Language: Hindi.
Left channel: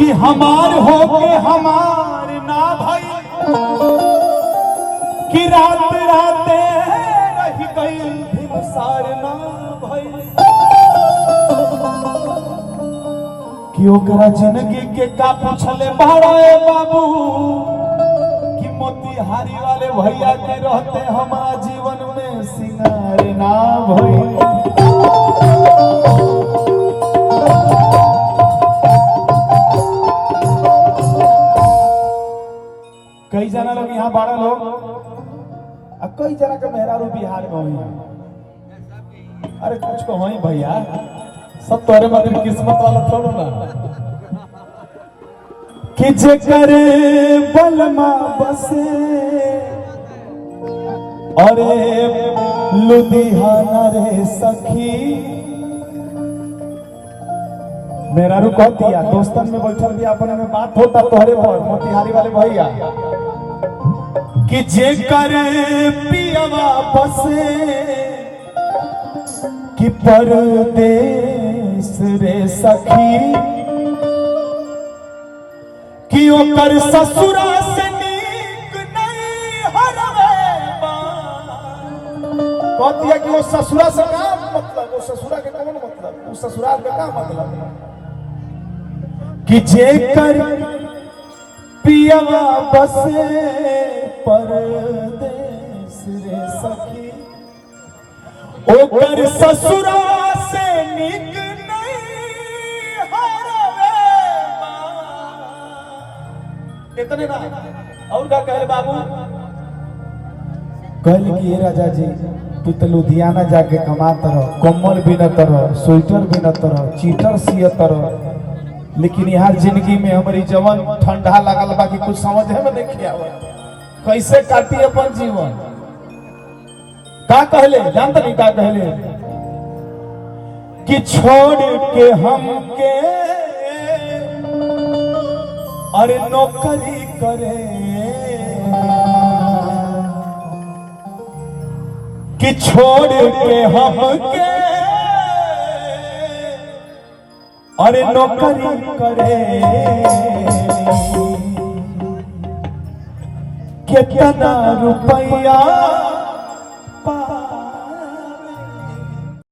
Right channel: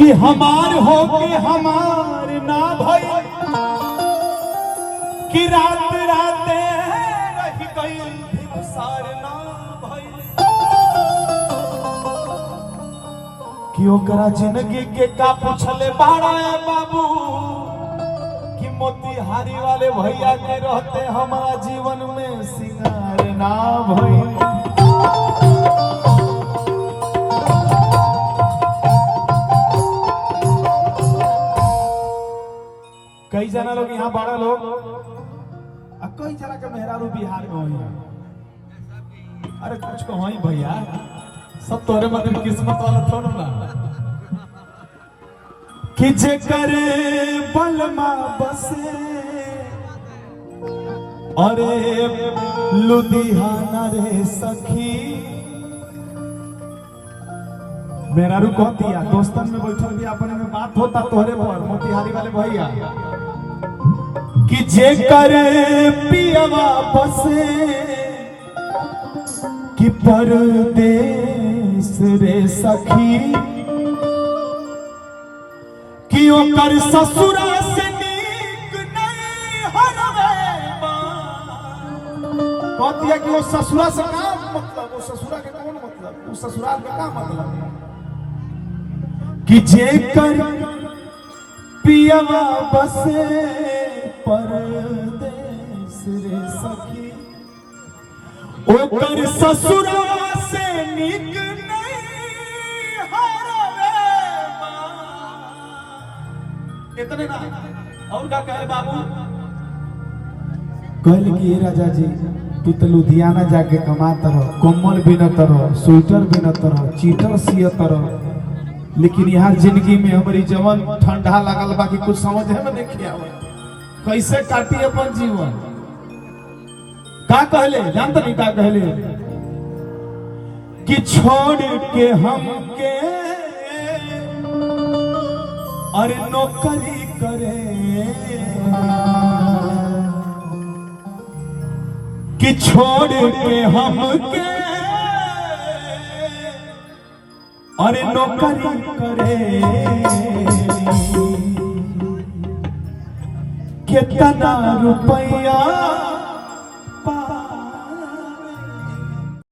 कि हमार हो के हमार ना भाई कि रात राते रह गई भिमसार ना भाई कि ओकरा जिंदगी के का पूछले बाड़ा बाबू कि मोतिहारी वाले भैया के रहते हमारा जीवन में सिंगार ना भई। कई जना लोग यहाँ बाड़ा लोग और कई जना के मेहरारू बिहार में हुई। अरे कुछ को हुई भैया, सब तोरे मतलब किस्मत वाला थोड़ा ना कि जे करे बलमा बसे अरे लुधियाना रे सखी। मेहरारू कह दिया दोस्तन में बैठल भी अपने में बात होता तोहरे पर मोतिहारी वाले भैया कि जे करे पियवा बसे कि परदेस रे सखी कि ओकर ससुरा से नीक नहीं हरवे कहती है कि वो ससुरा से का मतलब, वो ससुरा के कौन मतलब, वो ससुराल का क्या मतलब कि जे कर पियवा बसे परदेस रे सखी ओकर ससुरा से नीक नहीं हरवे इतने ना और क्या कहे बाबू कहल कि राजा जी तू तो लुधियाना जाके कमाता रहो, कम्बल बिनता रहो, स्वेटर बिनता रहो, चीटर सियता रहो, लेकिन यार जिंदगी में हमारी जवन ठंडा लगल बाकी कुछ समझ में नहीं आवा कैसे काटी अपन जीवन। का कहले जानता नहीं का कहले कि छोड़ के हमके अरे नौकरी करे कि छोड़ के हमके अरे नौकरी करे कितना रुपया